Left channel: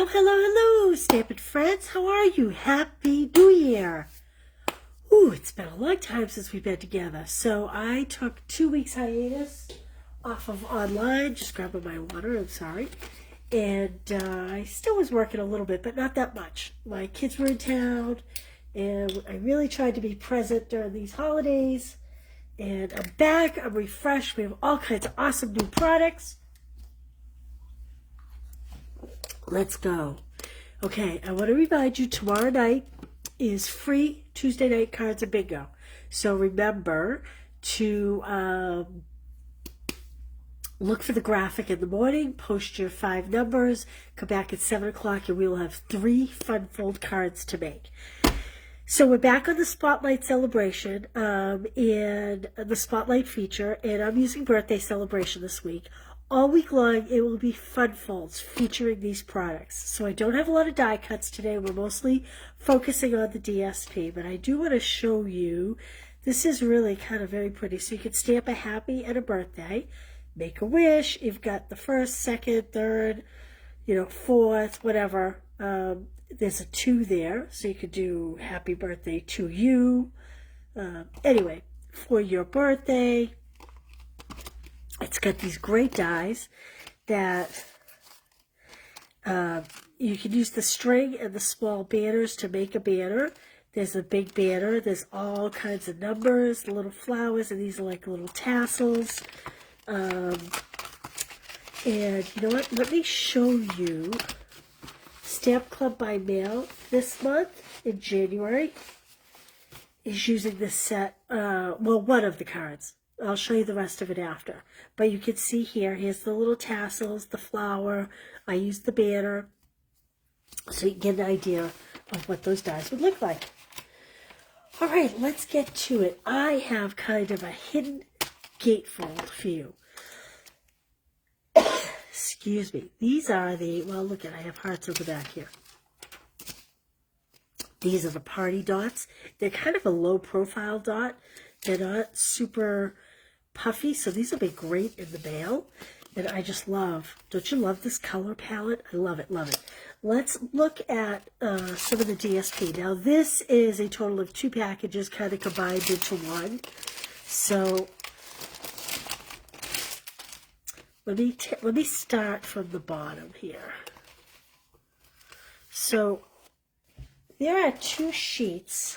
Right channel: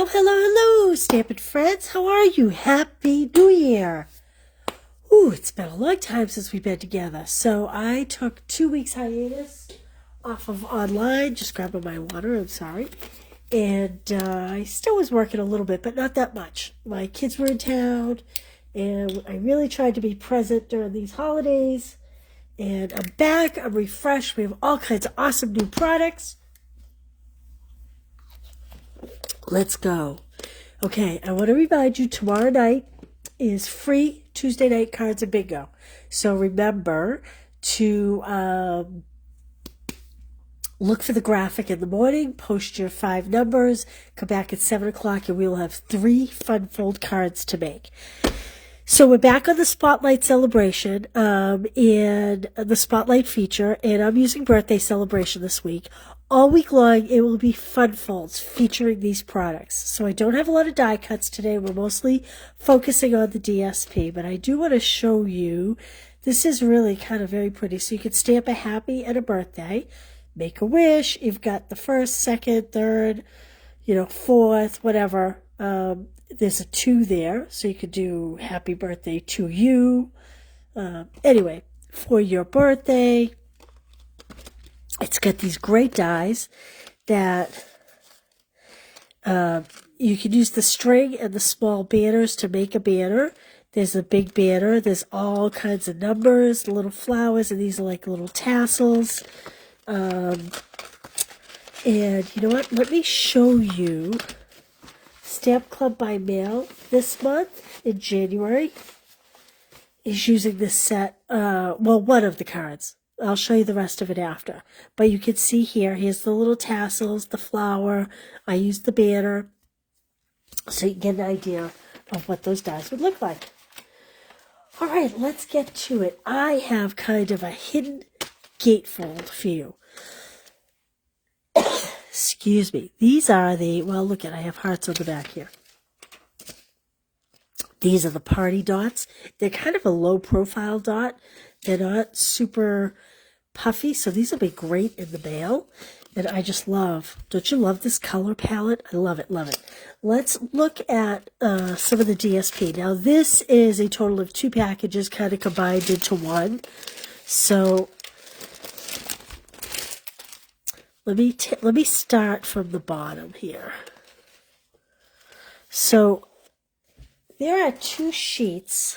Hello, hello, hello, Stampin' friends. How are you? Happy New Year. Ooh, it's been a long time since we've been together. So I took 2 weeks hiatus off of online, just grabbing my water, I'm sorry. And I still was working a little bit, but not that much. My kids were in town, and I really tried to be present during these holidays. And I'm back, I'm refreshed. We have all kinds of awesome new products. Let's go. Okay, I want to remind you, tomorrow night is free Tuesday night cards and bingo. So remember to look for the graphic in the morning, post your 5 numbers, come back at 7 o'clock, and we will have 3 fun fold cards to make. So we're back on the Spotlight celebration and the Spotlight feature, and I'm using birthday celebration this week. All week long, it will be fun folds featuring these products. So I don't have a lot of die cuts today. We're mostly focusing on the DSP, but I do want to show you. This is really kind of very pretty. So you can stamp a happy and a birthday, make a wish. You've got the first, second, third, fourth, whatever. There's a 2 there, so you could do happy birthday to you. Anyway, for your birthday. It's got these great dies that you can use the string and the small banners to make a banner. There's a big banner. There's all kinds of numbers, little flowers, and these are like little tassels. And you know what? Let me show you. Stamp Club by Mail this month in January is using this set. One of the cards. I'll show you the rest of it after. But you can see here's the little tassels, the flower. I used the banner. So you can get an idea of what those dies would look like. All right, let's get to it. I have kind of a hidden gatefold for you. Excuse me. These are look at, I have hearts on the back here. These are the party dots. They're kind of a low profile dot. They're not super puffy, so these will be great in the mail. And I just love, don't you love this color palette? I love it, love it. Let's look at some of the DSP. Now, this is a total of 2 packages kind of combined into one. So let me start from the bottom here. So there are 2 sheets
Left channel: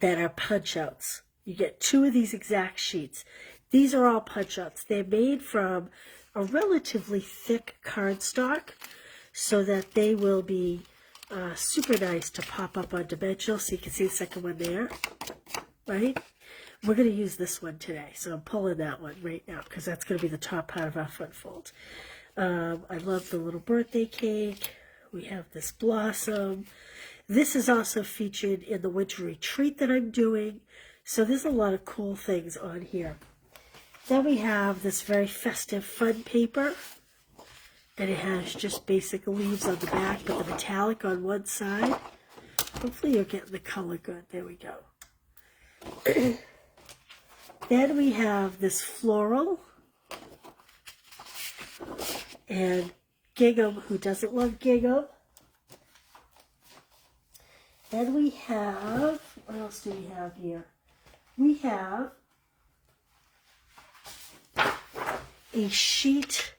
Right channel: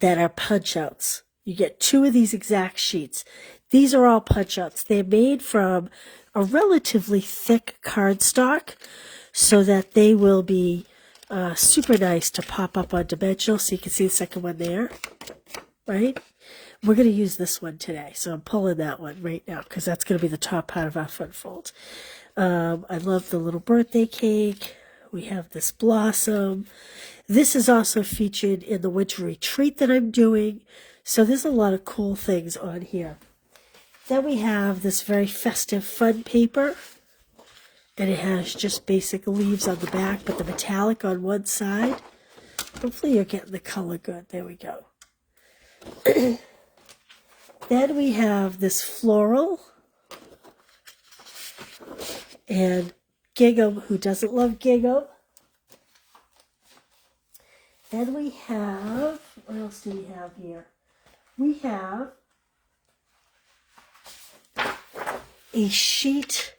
that are punch outs. You get 2 of these exact sheets. These are all punch outs. They're made from a relatively thick cardstock so that they will be super nice to pop up on dimensional. So you can see the second one there, right? We're going to use this one today. So I'm pulling that one right now because that's going to be the top part of our front fold. I love the little birthday cake. We have this blossom. This is also featured in the winter retreat that I'm doing. So there's a lot of cool things on here. Then we have this very festive fun paper. And it has just basic leaves on the back, but the metallic on one side. Hopefully you're getting the color good. There we go. Then we have this floral. And gingham, who doesn't love gingham? Then we have, what else do we have here? We have a sheet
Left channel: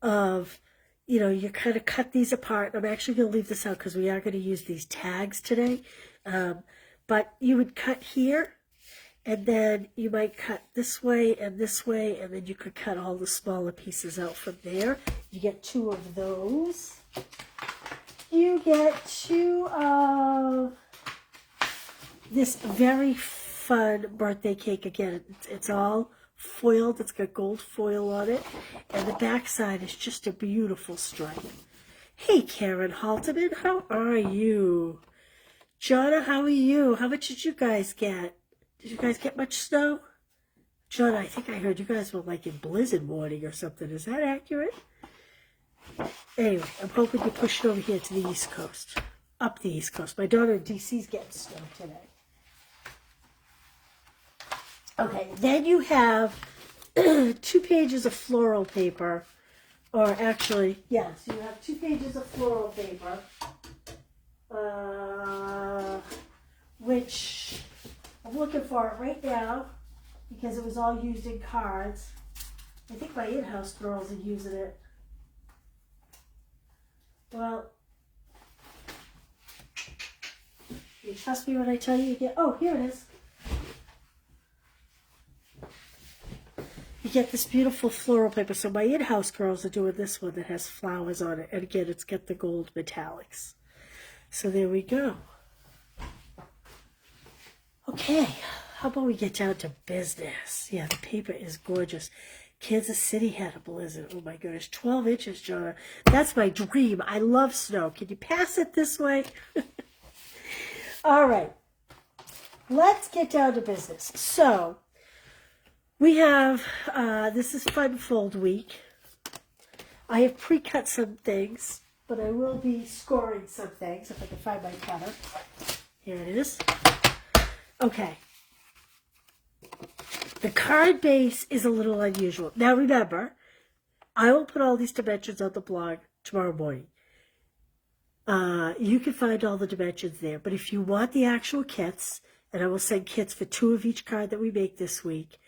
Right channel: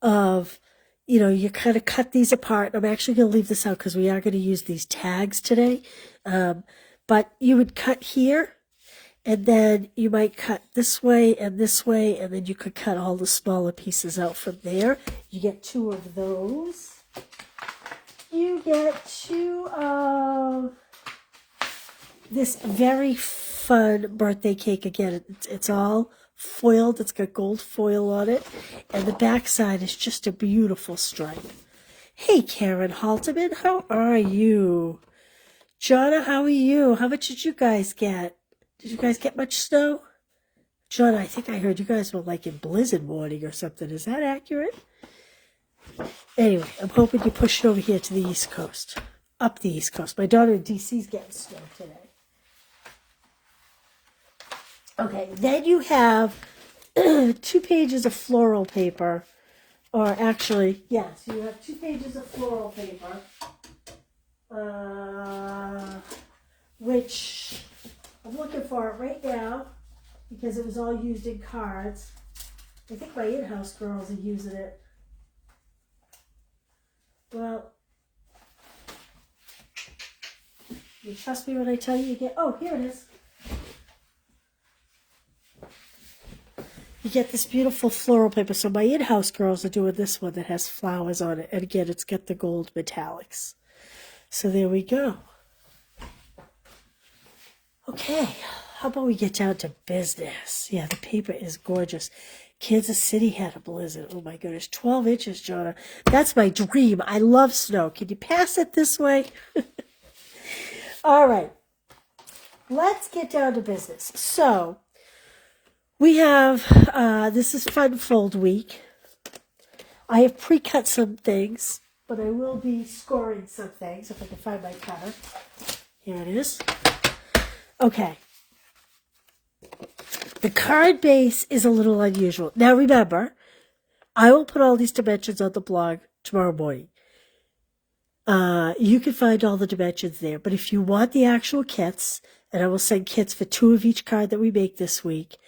of, you kind of cut these apart. I'm actually going to leave this out because we are going to use these tags today. But you would cut here, and then you might cut this way, and then you could cut all the smaller pieces out from there. You get 2 of those. You get 2 of this very fun birthday cake. Again, it's all foiled. It's got gold foil on it. And the back side is just a beautiful stripe. Hey, Karen Halterman, how are you? Jonna, how are you? How much did you guys get? Did you guys get much snow? Jonna, I think I heard you guys were like in blizzard warning or something. Is that accurate? Anyway, I'm hoping you push it over here to the East Coast. Up the East Coast. My daughter in D.C. is getting snow today. Okay, then you have 2 pages of floral paper Or actually, yes, you have 2 pages of floral paper, which I'm looking for it right now because it was all used in cards. I think my in-house girls are using it. Well, you trust me when I tell you get, oh, here it is. You get this beautiful floral paper. So my in-house girls are doing this one that has flowers on it. And again, it's got the gold metallics. So there we go. Okay, how about we get down to business? Yeah, the paper is gorgeous. Kansas City had a blizzard. Oh my goodness, 12 inches, Jonah. That's my dream. I love snow. Can you pass it this way? All right, let's get down to business. So we have, this is Fun Fold Week. I have pre-cut some things, but I will be scoring some things if I can find my cutter. Here it is. Okay. The card base is a little unusual. Now remember, I will put all these dimensions on the blog tomorrow morning. You can find all the dimensions there, but if you want the actual kits, and I will send kits for 2 of each card that we make this week,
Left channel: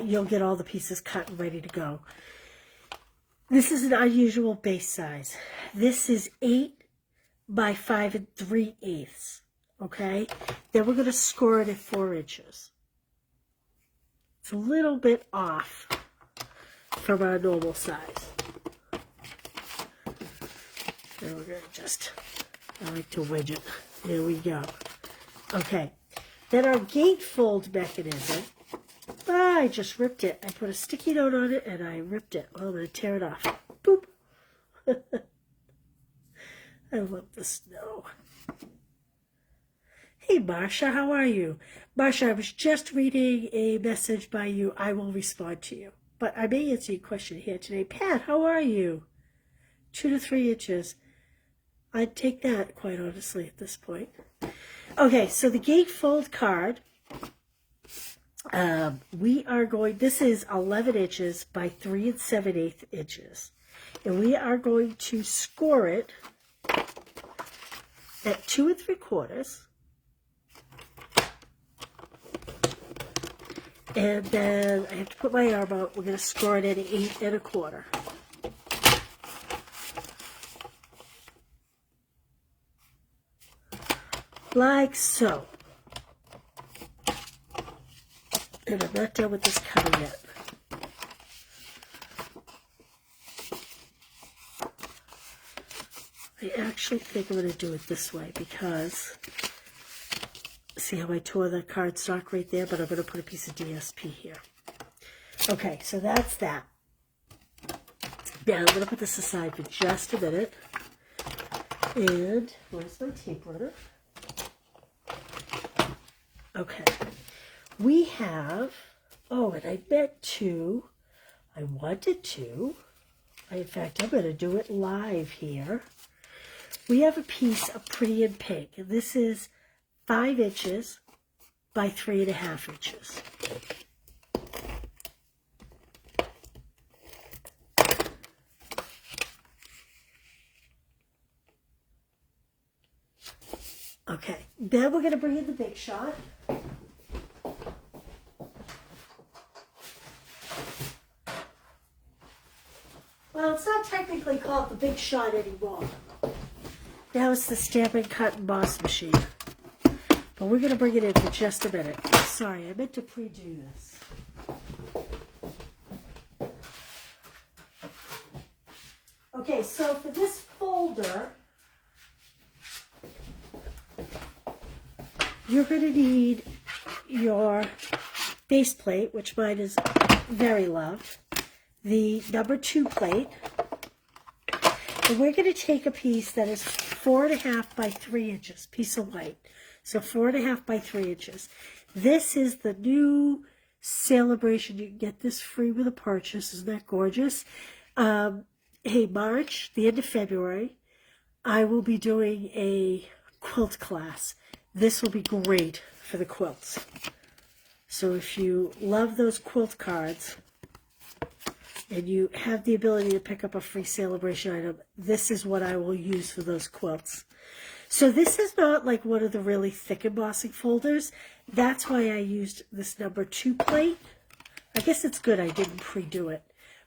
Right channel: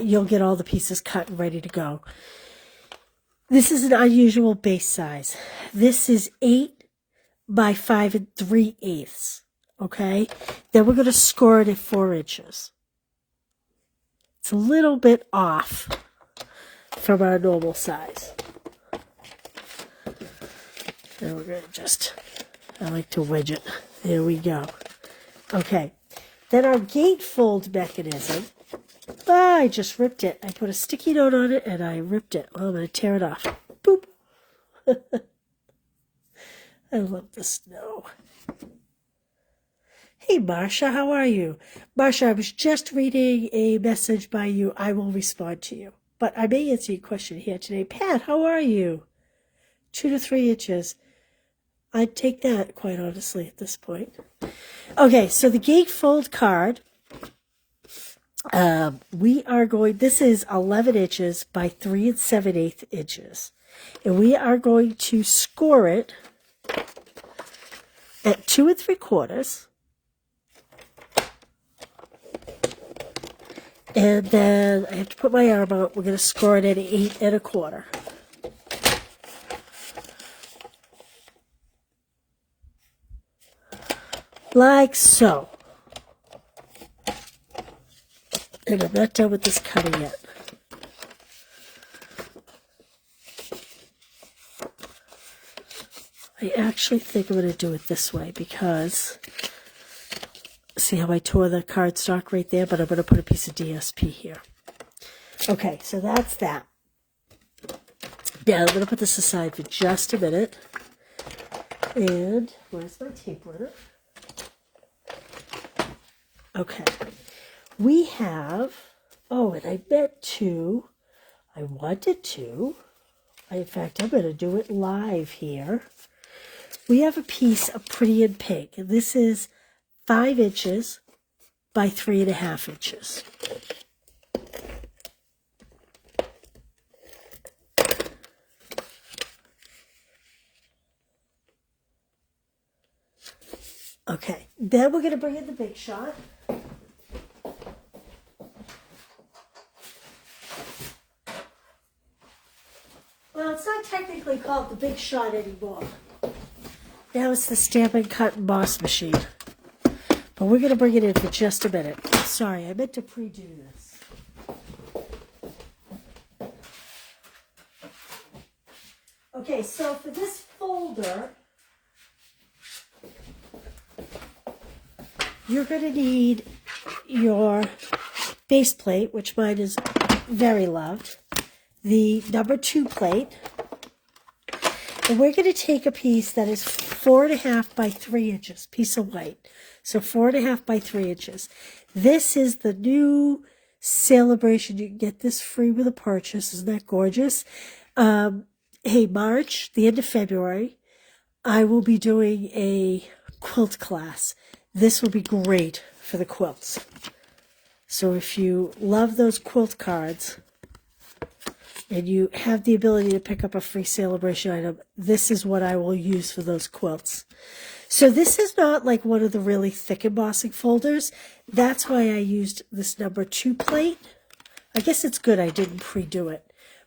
you'll get all the pieces cut and ready to go. This is an unusual base size. This is 8 by 5 3/8. Okay? Then we're going to score it at 4 inches. It's a little bit off from our normal size. And we're going to just, I like to wedge it. There we go. Okay. Then our gatefold mechanism. I just ripped it. I put a sticky note on it and I ripped it. Well, I'm going to tear it off. Boop. I love the snow. Hey, Marsha, how are you? Marsha, I was just reading a message by you. I will respond to you. But I may answer your question here today. Pat, how are you? 2 to 3 inches. I'd take that, quite honestly, at this point. Okay, so the gatefold card, we are going, this is 11 inches by 3 7/8 inches. And we are going to score it at 2 3/4. And then I have to put my arm out. We're going to score it at 8 1/4. Like so. And I'm not done with this cutting yet. I actually think I'm going to do it this way because, see how I tore the cardstock right there? But I'm going to put a piece of DSP here. Okay, so that's that. Now I'm going to put this aside for just a minute. And where's my tape runner? Okay. We have, oh, and I wanted to, in fact, I'm going to do it live here. We have a piece of Pretty in Pink. And this is 5 inches by 3.5 inches. Okay, then we're going to bring in the Big Shot. Well, it's not technically called the Big Shot anymore. Now it's the Stamp and Cut and Boss machine. But we're going to bring it in for just a minute. Sorry, I meant to pre-do this. Okay, so for this folder, you're going to need your base plate, which mine is very loved, the number 2 plate, and we're going to take a piece that is 4.5 by 3 inches, piece of white. So 4.5 by 3 inches. This is the new Celebration. You can get this free with a purchase. Isn't that gorgeous? Hey, March, the end of February, I will be doing a quilt class. This will be great for the quilts. So if you love those quilt cards, and you have the ability to pick up a free celebration item, this is what I will use for those quilts. So this is not like one of the really thick embossing folders. That's why I used this number 2 plate. I guess it's good I didn't pre-do it.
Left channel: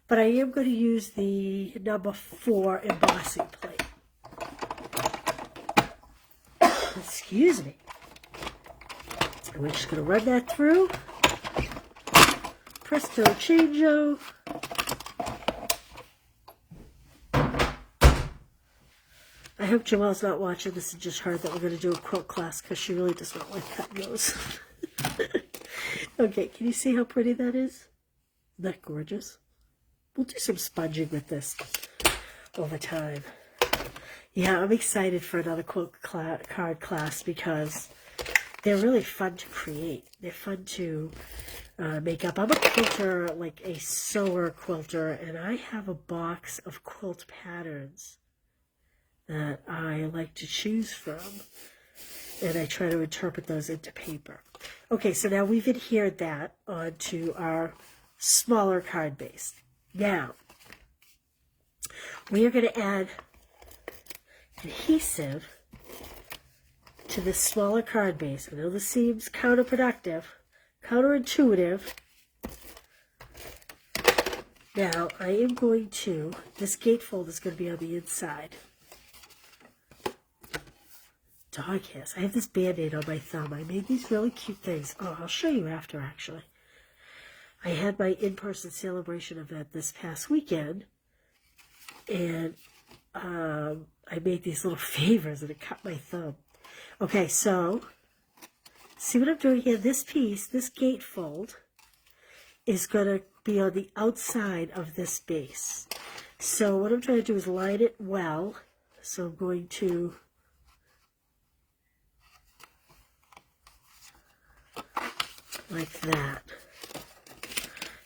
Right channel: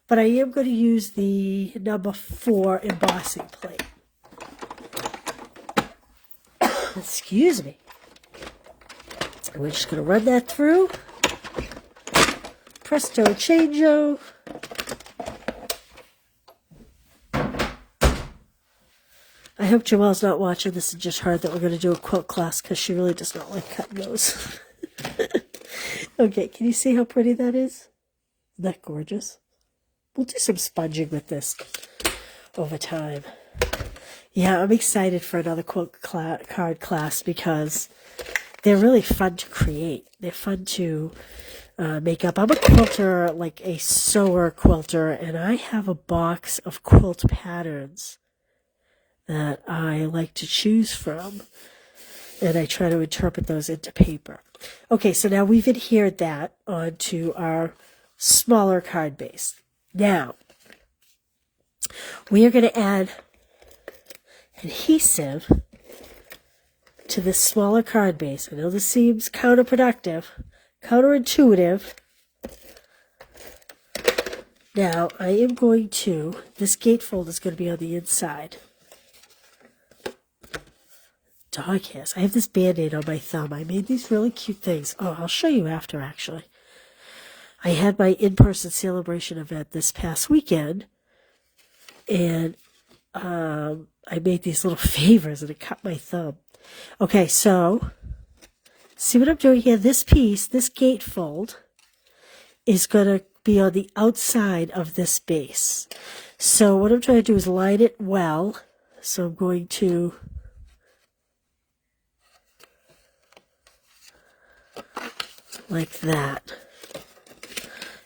But I am going to use the number 4 embossing plate. Excuse me. So we're just going to run that through. Presto changeo. I hope Joelle's not watching this and just heard that we're going to do a quilt class because she really does not like cutting those. Okay, can you see how pretty that is? Isn't that gorgeous? We'll do some sponging with this over time. Yeah, I'm excited for another quilt card class because they're really fun to create. They're fun to make up. I'm a quilter, like a sewer quilter, and I have a box of quilt patterns that I like to choose from, and I try to interpret those into paper. Okay, so now we've adhered that onto our smaller card base. Now, we are going to add adhesive to this smaller card base. I know this seems counterintuitive. Now, I am going to, this gatefold is going to be on the inside. Dog hairs. I have this Band-Aid on my thumb. I made these really cute things. Oh, I'll show you after, actually. I had my in-person celebration event this past weekend, and I made these little favors, and it cut my thumb. Okay, so, see what I'm doing here? This piece, this gatefold, is going to be on the outside of this base. So what I'm trying to do is line it well. So I'm going to like that.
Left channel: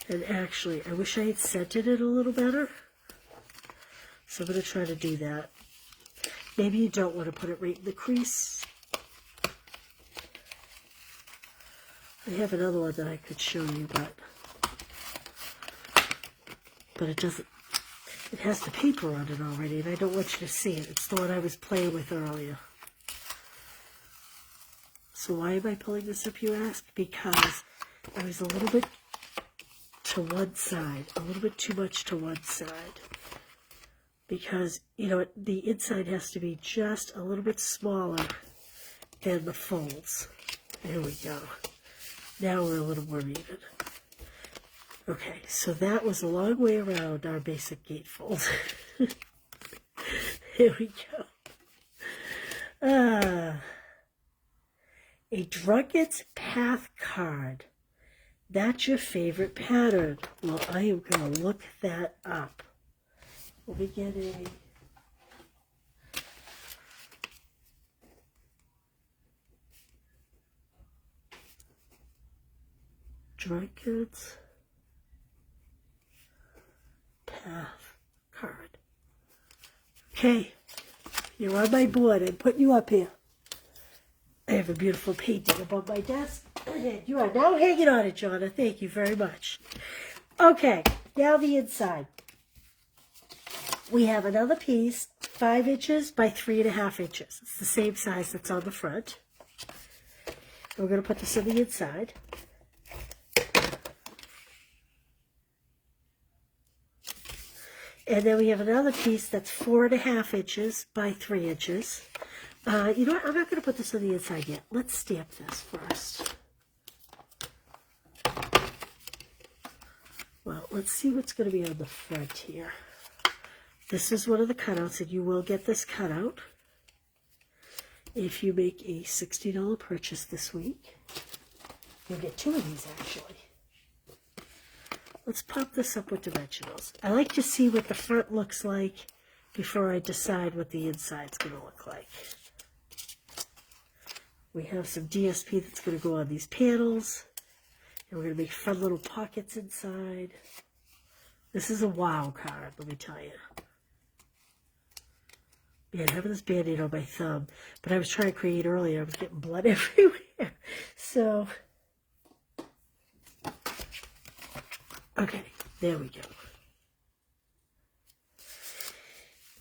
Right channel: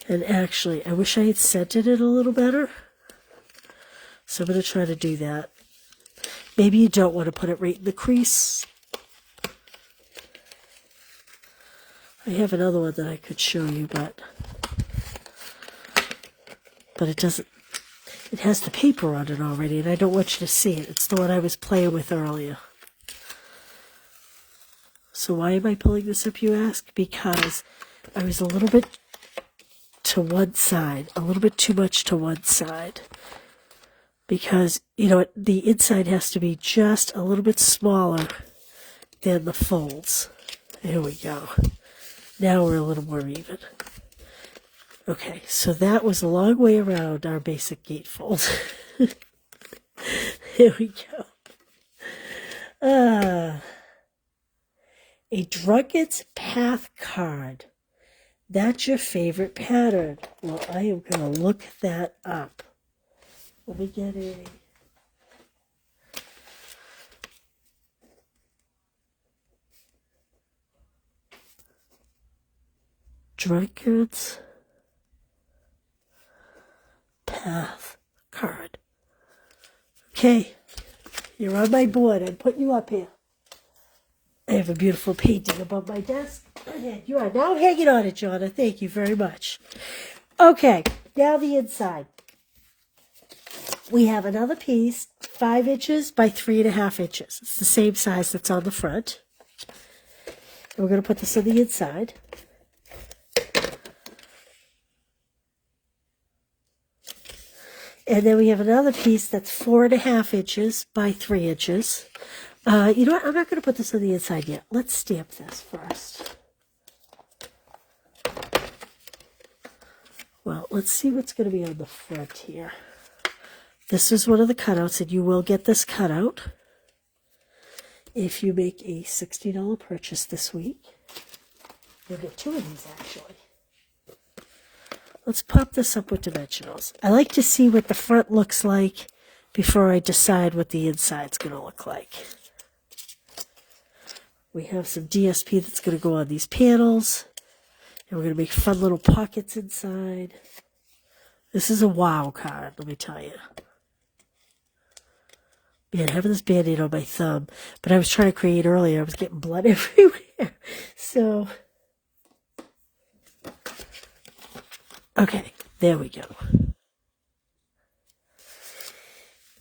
And actually, I wish I had scented it a little better. So I'm going to try to do that. Maybe you don't want to put it right in the crease. I have another one that I could show you, but it doesn't, it has the paper on it already, and I don't want you to see it. It's the one I was playing with earlier. So why am I pulling this up, you ask? Because I was a little bit to one side, a little bit too much to one side. Because, you know, the inside has to be just a little bit smaller than the folds. There we go. Now we're a little more even. Okay, so that was a long way around our basic gatefold. There we go. A Drunkard's Path card. That's your favorite pattern. Well, I am going to look that up. Let me get a... Drunkard's Path card. Okay, you're on my board. I'm putting you up here. I have a beautiful painting above my desk. And you are now hanging on it, Jonna. Thank you very much. Okay, now the inside. We have another piece, 5 inches by 3.5 inches. It's the same size that's on the front. We're going to put this in the inside. And then we have another piece that's 4.5 inches by 3 inches. You know what? I'm not going to put this on the inside yet. Let's stamp this first. Well, let's see what's going to be on the front here. This is one of the cutouts, and you will get this cutout if you make a $60 purchase this week. You'll get 2 of these, actually. Let's pop this up with dimensionals. I like to see what the front looks like before I decide what the inside's going to look like. We have some DSP that's going to go on these panels. And we're going to make fun little pockets inside. This is a wow card, let me tell you. Man, having this Band-Aid on my thumb. But I was trying to create earlier. I was getting blood everywhere. So, okay, there we go.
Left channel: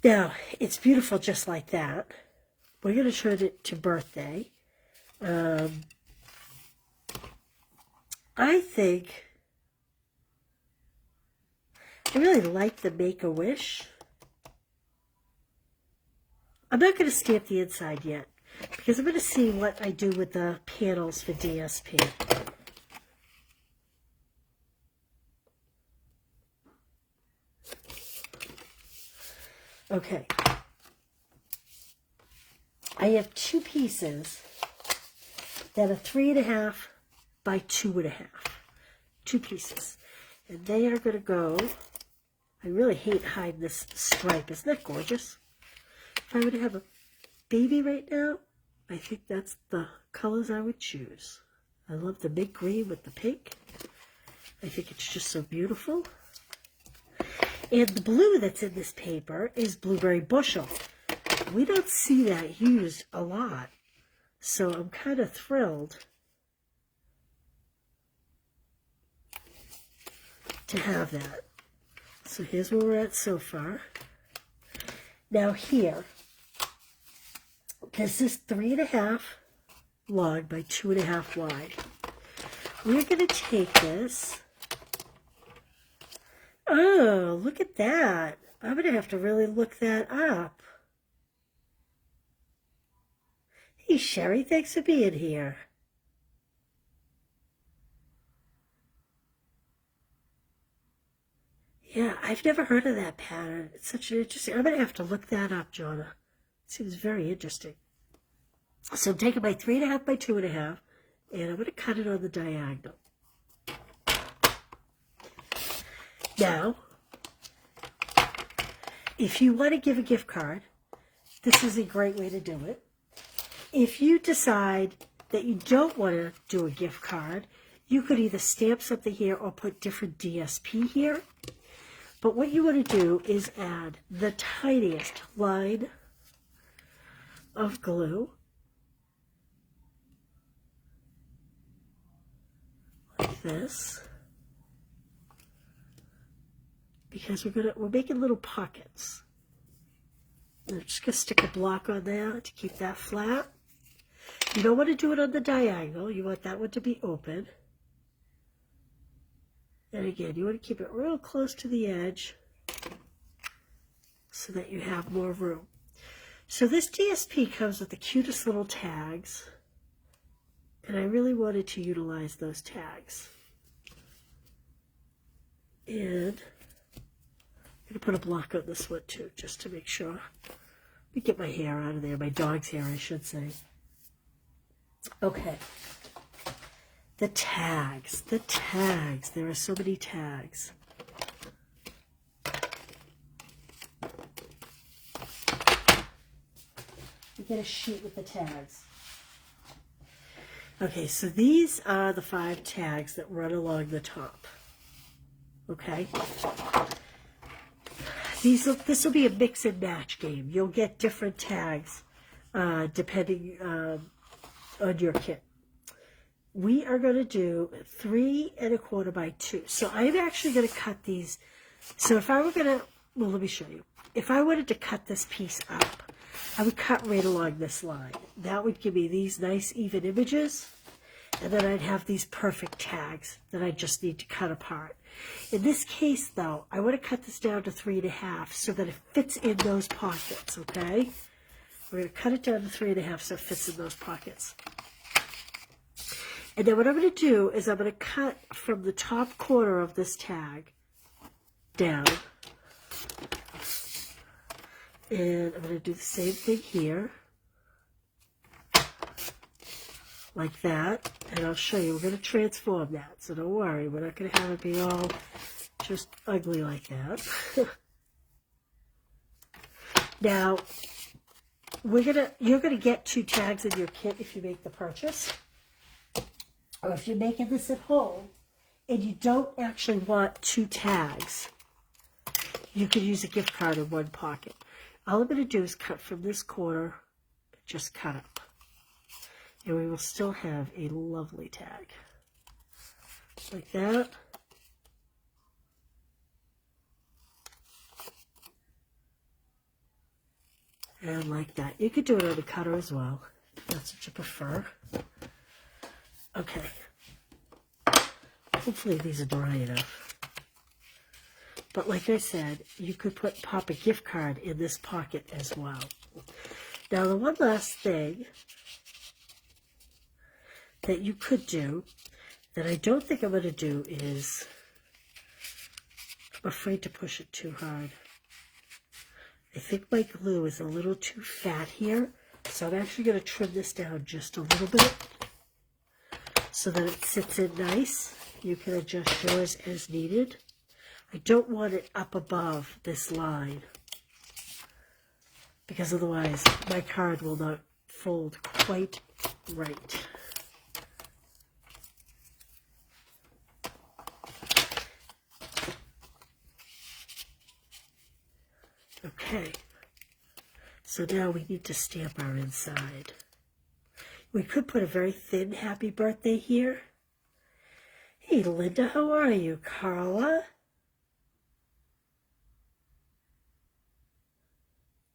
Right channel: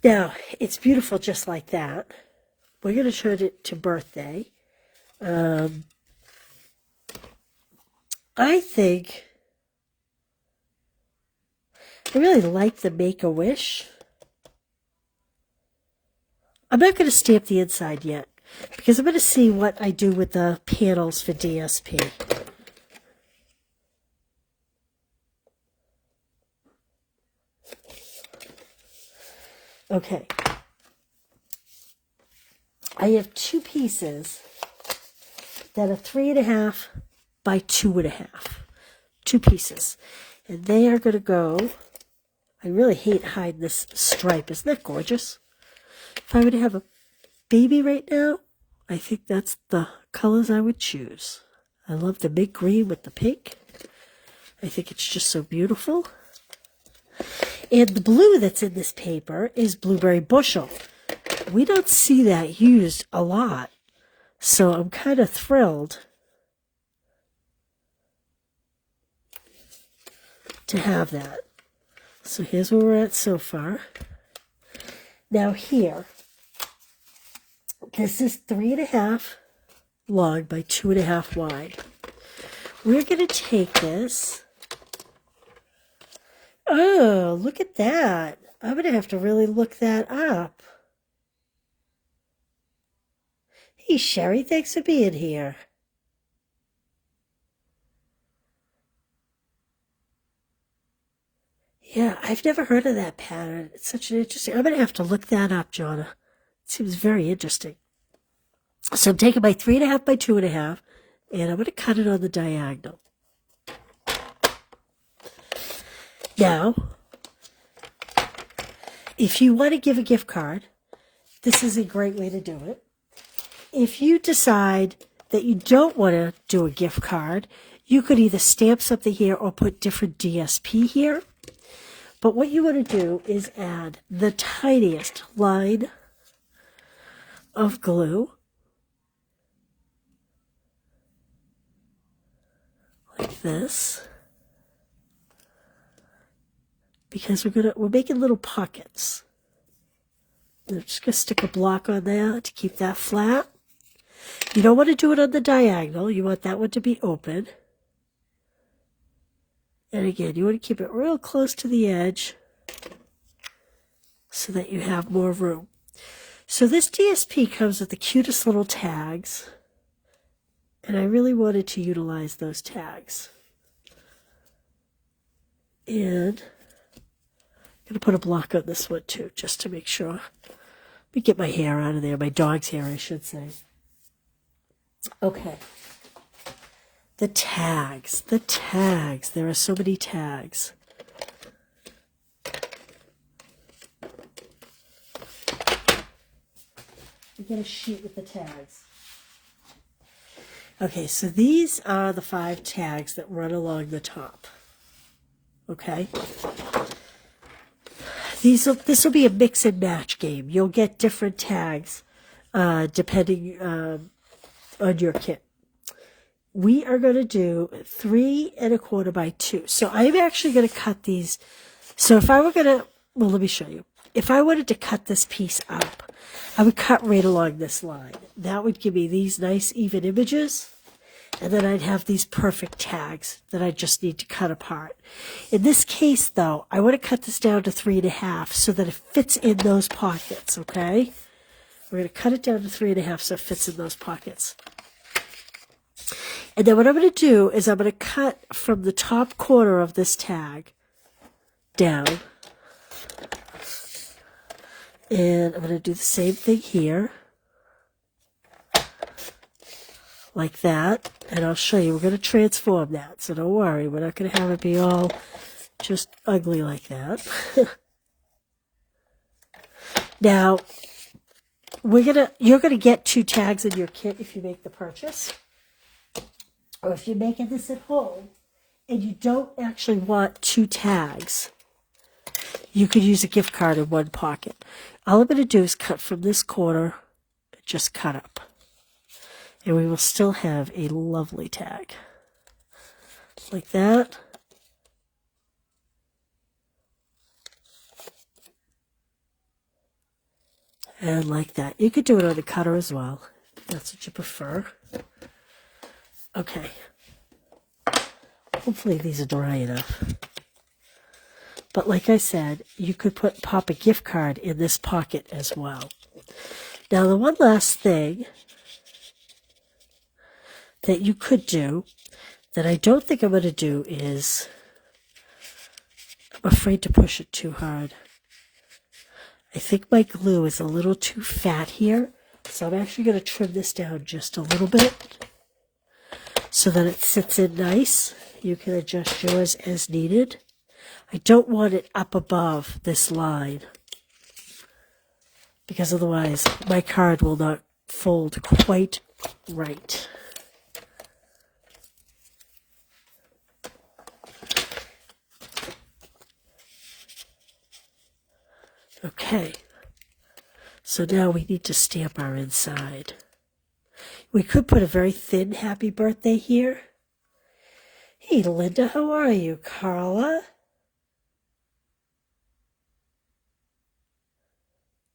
Now, it's beautiful just like that. We're going to turn it to birthday. I think I really like the Make-A-Wish. I'm not going to stamp the inside yet because I'm going to see what I do with the panels for DSP. Okay. I have two pieces that are 3.5 by 2.5. Two pieces. And they are going to go, I really hate hiding this stripe. Isn't that gorgeous? If I were to have a baby right now, I think that's the colors I would choose. I love the mint green with the pink. I think it's just so beautiful. And the blue that's in this paper is Blueberry Bushel. We don't see that used a lot, so I'm kind of thrilled to have that. So here's where we're at so far. Now here, this is 3.5 long by 2.5 wide. We're going to take this. Oh, look at that. I'm going to have to really look that up. Hey, Sherry, thanks for being here. Yeah, I've never heard of that pattern. It's such an interesting... I'm going to have to look that up, Jonna. It seems very interesting. So I'm taking my 3.5 by 2.5, and I'm going to cut it on the diagonal. Now, if you want to give a gift card, this is a great way to do it. If you decide that you don't want to do a gift card, you could either stamp something here or put different DSP here. But what you want to do is add the tiniest line of glue, like this, because we're making little pockets. I'm just going to stick a block on there to keep that flat. You don't want to do it on the diagonal. You want that one to be open. And again, you want to keep it real close to the edge so that you have more room. So this DSP comes with the cutest little tags, and I really wanted to utilize those tags. And I'm going to put a block on this one too, just to make sure. Let me get my hair out of there, my dog's hair, I should say. Okay. The tags. There are so many tags. You get a sheet with the tags. Okay, so these are the 5 tags that run along the top. Okay? This will be a mix and match game. You'll get different tags depending on your kit. We are going to do 3.25 by 2. So I'm actually going to cut these. So if I were going to, well, let me show you. If I wanted to cut this piece up, I would cut right along this line. That would give me these nice even images. And then I'd have these perfect tags that I just need to cut apart. In this case, though, I want to cut this down to 3.5 so that it fits in those pockets, okay? We're going to cut it down to 3.5 so it fits in those pockets. And then what I'm going to do is I'm going to cut from the top corner of this tag down. And I'm going to do the same thing here. Like that. And I'll show you. We're going to transform that. So don't worry. We're not going to have it be all just ugly like that. Now, you're going to get 2 tags in your kit if you make the purchase. Or if you're making this at home and you don't actually want 2 tags, you could use a gift card in one pocket. All I'm going to do is cut from this corner, just cut up. And we will still have a lovely tag. Like that. And like that. You could do it on the cutter as well, if that's what you prefer. Okay. Hopefully these are dry enough. But like I said, you could pop a gift card in this pocket as well. Now the one last thing that you could do that I don't think I'm going to do is, I'm afraid to push it too hard. I think my glue is a little too fat here, so I'm actually going to trim this down just a little bit so that it sits in nice. You can adjust yours as needed. I don't want it up above this line because otherwise my card will not fold quite right. Okay, so now we need to stamp our inside. We could put a very thin happy birthday here. Hey Linda, how are you? Carla?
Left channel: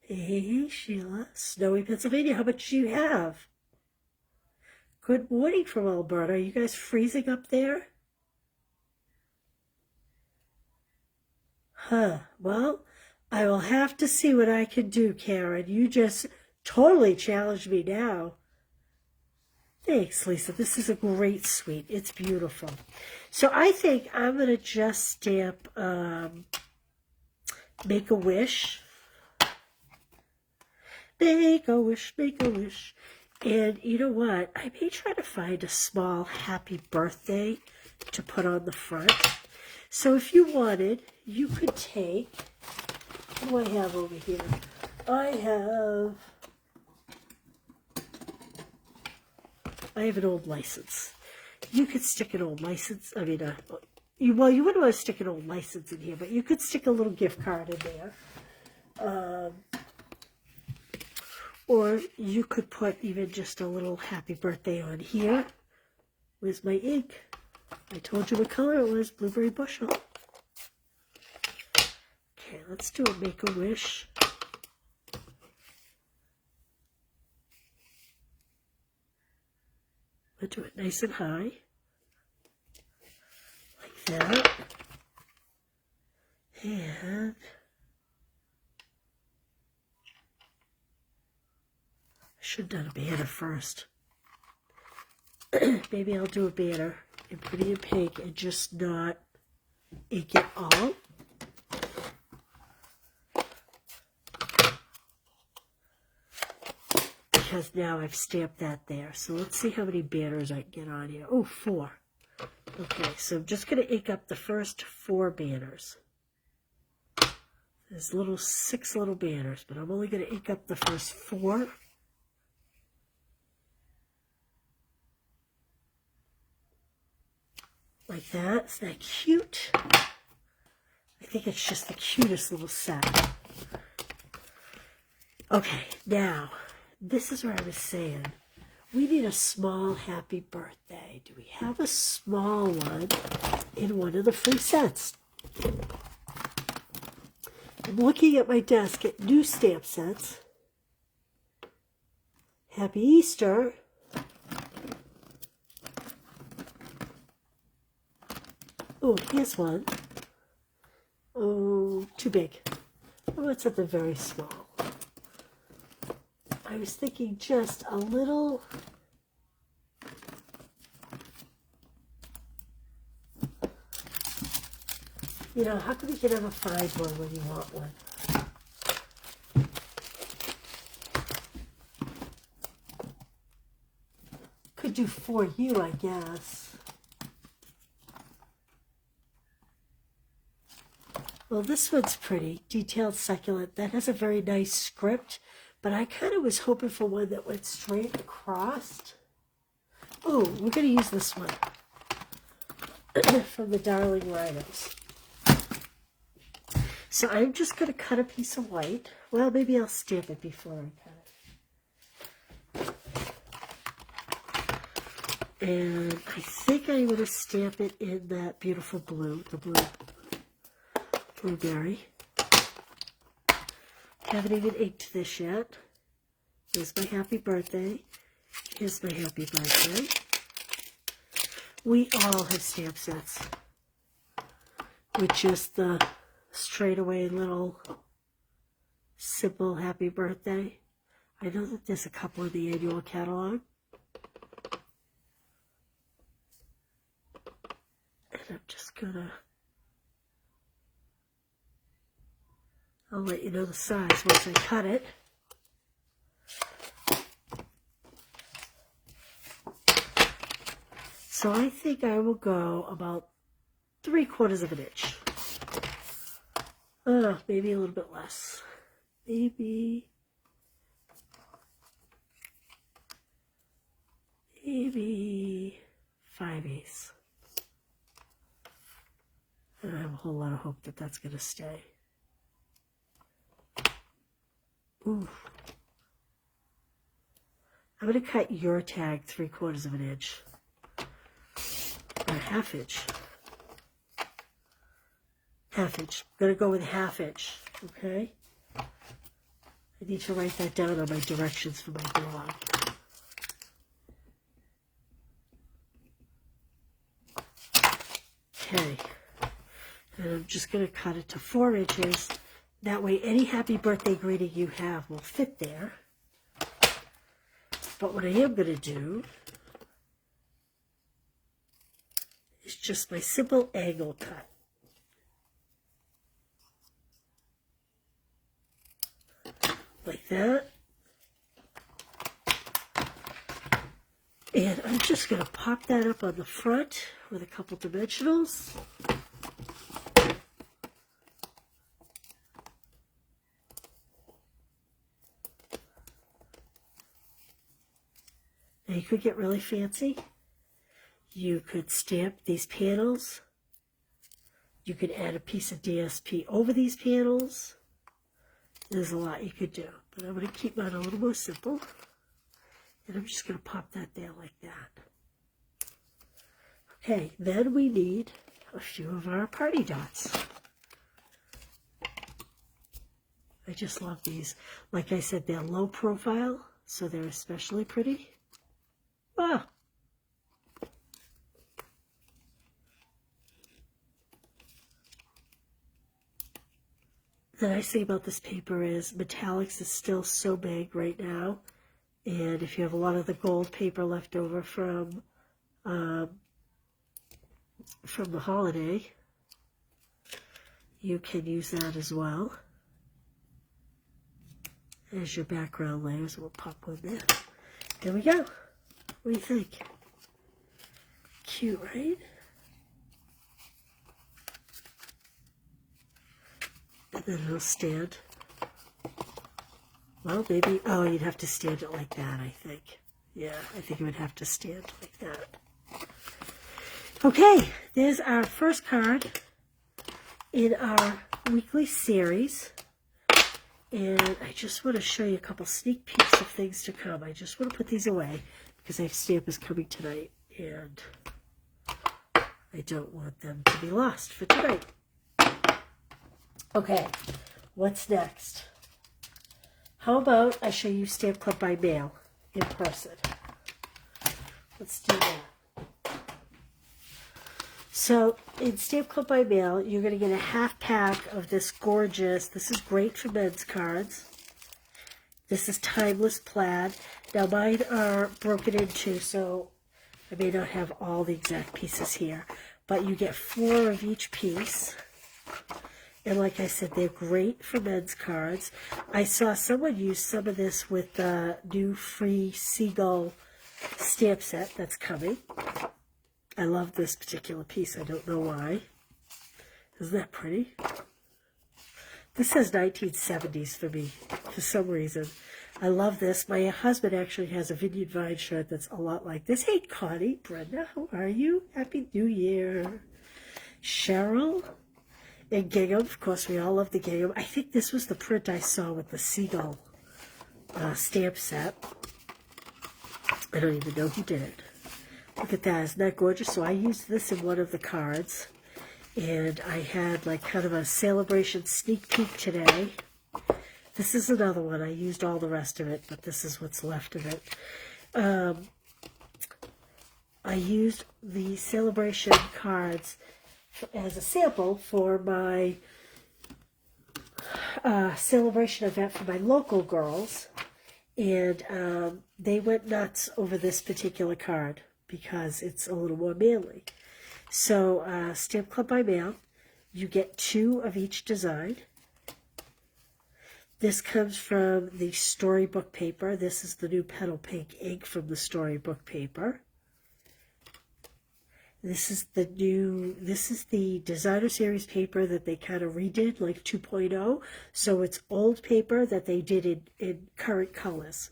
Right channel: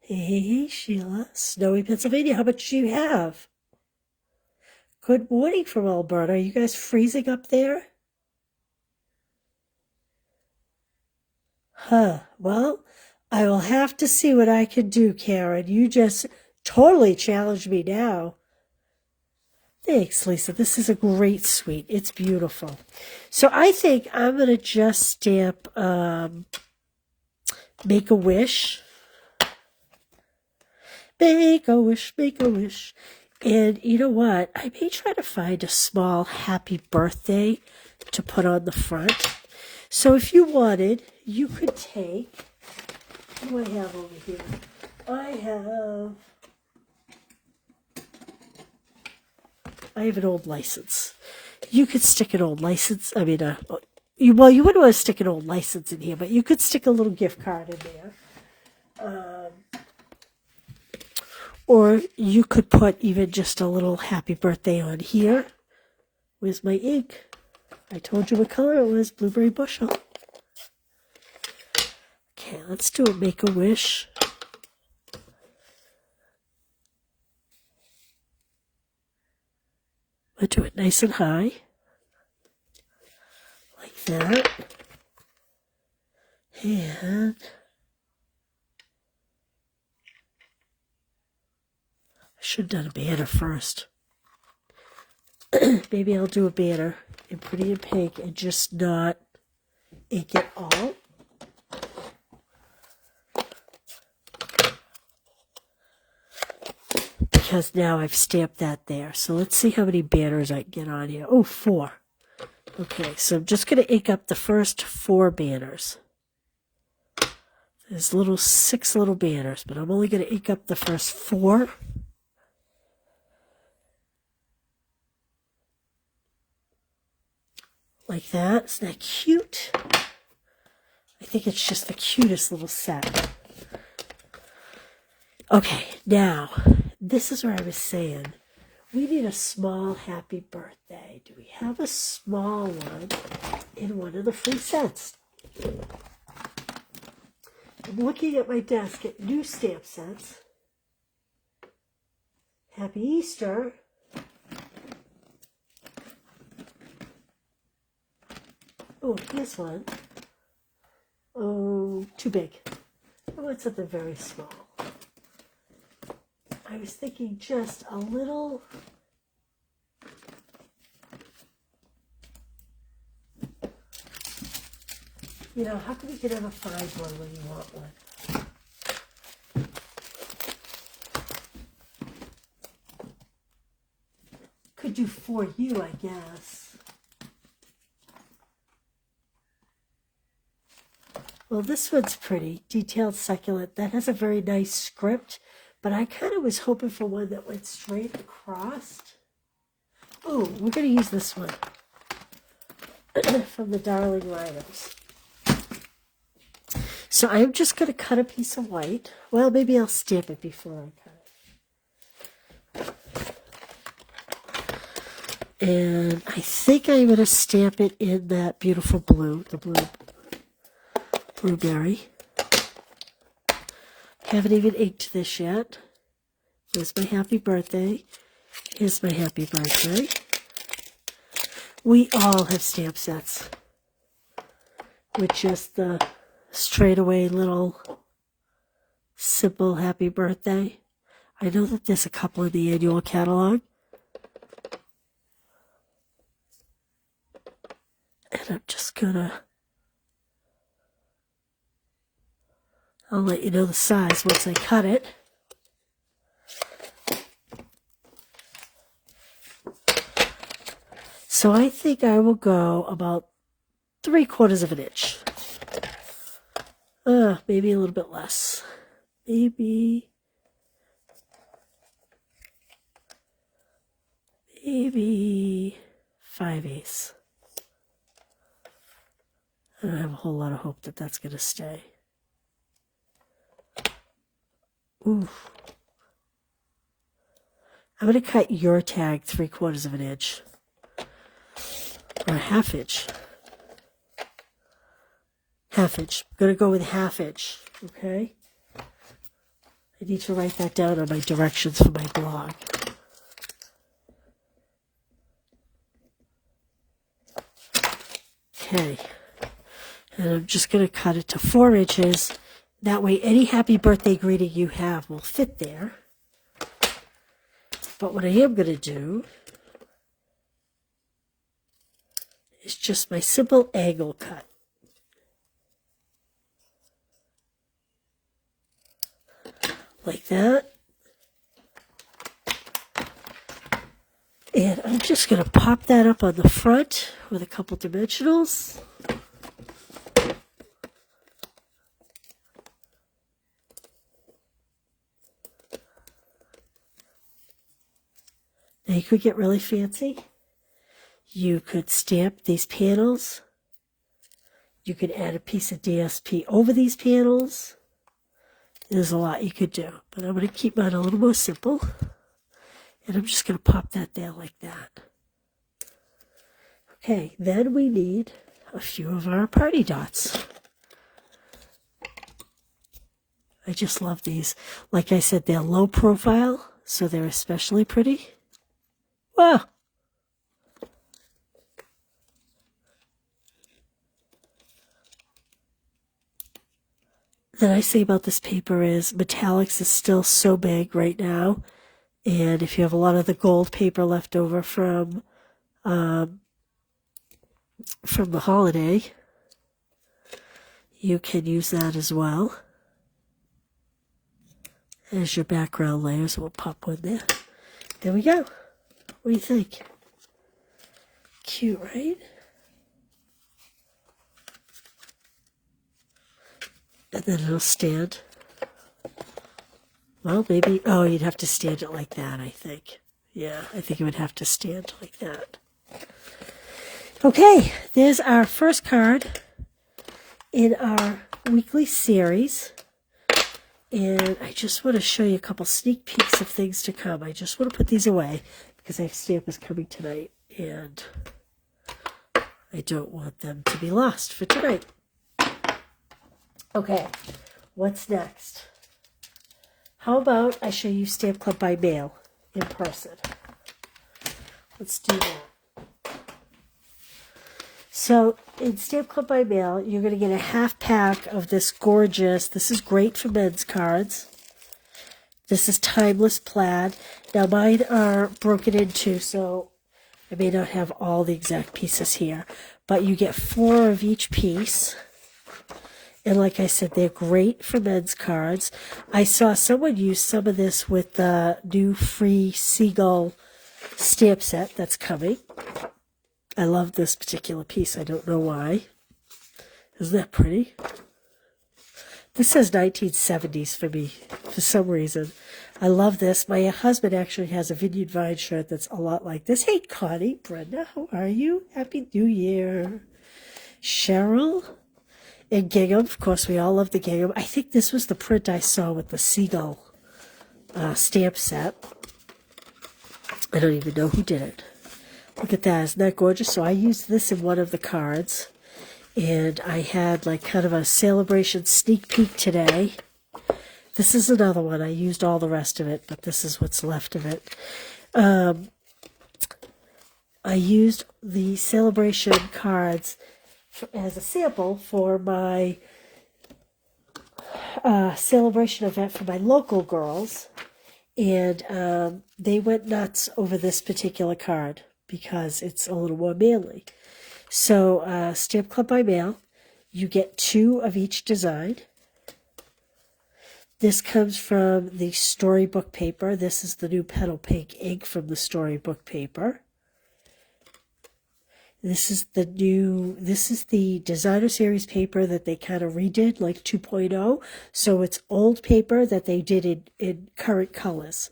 Hey, Sheila. Snowy, Pennsylvania. How much do you have? Good morning from Alberta. Are you guys freezing up there? Huh. Well, I will have to see what I can do, Karen. You just totally challenged me now. Thanks, Lisa. This is a great suite. It's beautiful. So I think I'm going to just stamp Make a Wish. Make a wish, make a wish. And you know what? I may try to find a small happy birthday to put on the front. So if you wanted, you could take, what do I have over here? I have an old license. You could stick an old license. I mean, you wouldn't want to stick an old license in here, but you could stick a little gift card in there. Or you could put even just a little happy birthday on here. Where's my ink? I told you what color it was, blueberry bushel. Okay, let's do a Make a Wish. I'll do it nice and high. Like that. And I should have done a banner first. Maybe I'll do a banner in pretty and pink and just not ink it all. Because now I've stamped that there. So let's see how many banners I can get on here. Oh, 4. Okay, so I'm just going to ink up the first 4 banners. There's 6 little banners, but I'm only going to ink up the first 4. Like that. Isn't that cute? I think it's just the cutest little set. Okay, now, this is where I was saying, we need a small happy birthday. Do we have a small one in one of the free sets? I'm looking at my desk at new stamp sets. Happy Easter. Oh, here's one. Oh, too big. I want something very small. I was thinking just a little. You know, how come you can never find one when you want one? Could do for you, I guess. Well, this one's pretty. Detailed succulent. That has a very nice script. But I kind of was hoping for one that went straight across. Oh, we're going to use this one. From the Darling Rhinos. So I'm just going to cut a piece of white. Well, maybe I'll stamp it before I cut it. And I think I'm going to stamp it in that beautiful blue, the blueberry. Haven't even inked this yet. Here's my happy birthday. Here's my happy birthday. We all have stamp sets with just the straightaway little simple happy birthday. I know that there's a couple in the annual catalog. And I'm just gonna, I'll let you know the size once I cut it. So I think I will go about 3/4 of an inch. Maybe a little bit less. Maybe 5/8. I don't have a whole lot of hope that that's going to stay. Ooh. I'm going to cut your tag 3/4 of an inch. Or 1/2 inch. 1/2 inch. I'm going to go with 1/2 inch. Okay? I need to write that down on my directions for my blog. Okay. And I'm just going to cut it to 4 inches. That way any happy birthday greeting you have will fit there. But what I am going to do is just my simple angle cut. Like that. And I'm just going to pop that up on the front with a couple dimensionals. Now you could get really fancy. You could stamp these panels. You could add a piece of DSP over these panels. There's a lot you could do, but I'm going to keep mine a little more simple. And I'm just going to pop that down like that. Okay, then we need a few of our party dots. I just love these. Like I said, they're low profile, so they're especially pretty. Wow. The nice thing about this paper is metallics is still so big right now. And if you have a lot of the gold paper left over from the holiday, you can use that as well as your background layers. We'll pop one there. There we go. What do you think? Cute, right? And then it'll stand. Well, maybe, oh, you'd have to stand it like that, I think. Yeah, I think it would have to stand like that. Okay, there's our first card in our weekly series. And I just want to show you a couple sneak peeks of things to come. I just want to put these away because that stamp is coming tonight. And I don't want them to be lost for tonight. Okay, what's next? How about I show you Stamp Club by mail in person? Let's do that. So in Stamp Club by mail, you're going to get a 1/2 pack of this gorgeous, this is great for men's cards. This is Timeless Plaid. Now mine are broken in two, so I may not have all the exact pieces here. But you get 4 of each piece. And like I said, they're great for men's cards. I saw someone use some of this with the new free Seagull stamp set that's coming. I love this particular piece. I don't know why. Isn't that pretty? This says 1970s for me, for some reason. I love this. My husband actually has a Vineyard Vine shirt that's a lot like this. Hey, Connie, Brenda, how are you? Happy New Year. Cheryl and gingham. Of course, we all love the gingham. I think this was the print I saw with the Seagull stamp set. I don't even know who did it. Look at that. Isn't that gorgeous? So I used this in one of the cards. And I had like kind of a celebration sneak peek today. This is another one. I used all the rest of it, but this is what's left of it. I used the celebration cards as a sample for my celebration event for my local girls, and they went nuts over this particular card because it's a little more manly. So Stamp Club by Mail, you get 2 of each design. This comes from the storybook paper. This is the new Petal Pink ink from the storybook paper. This is the designer series paper that they kind of redid, like 2.0. So it's old paper that they did in current colors.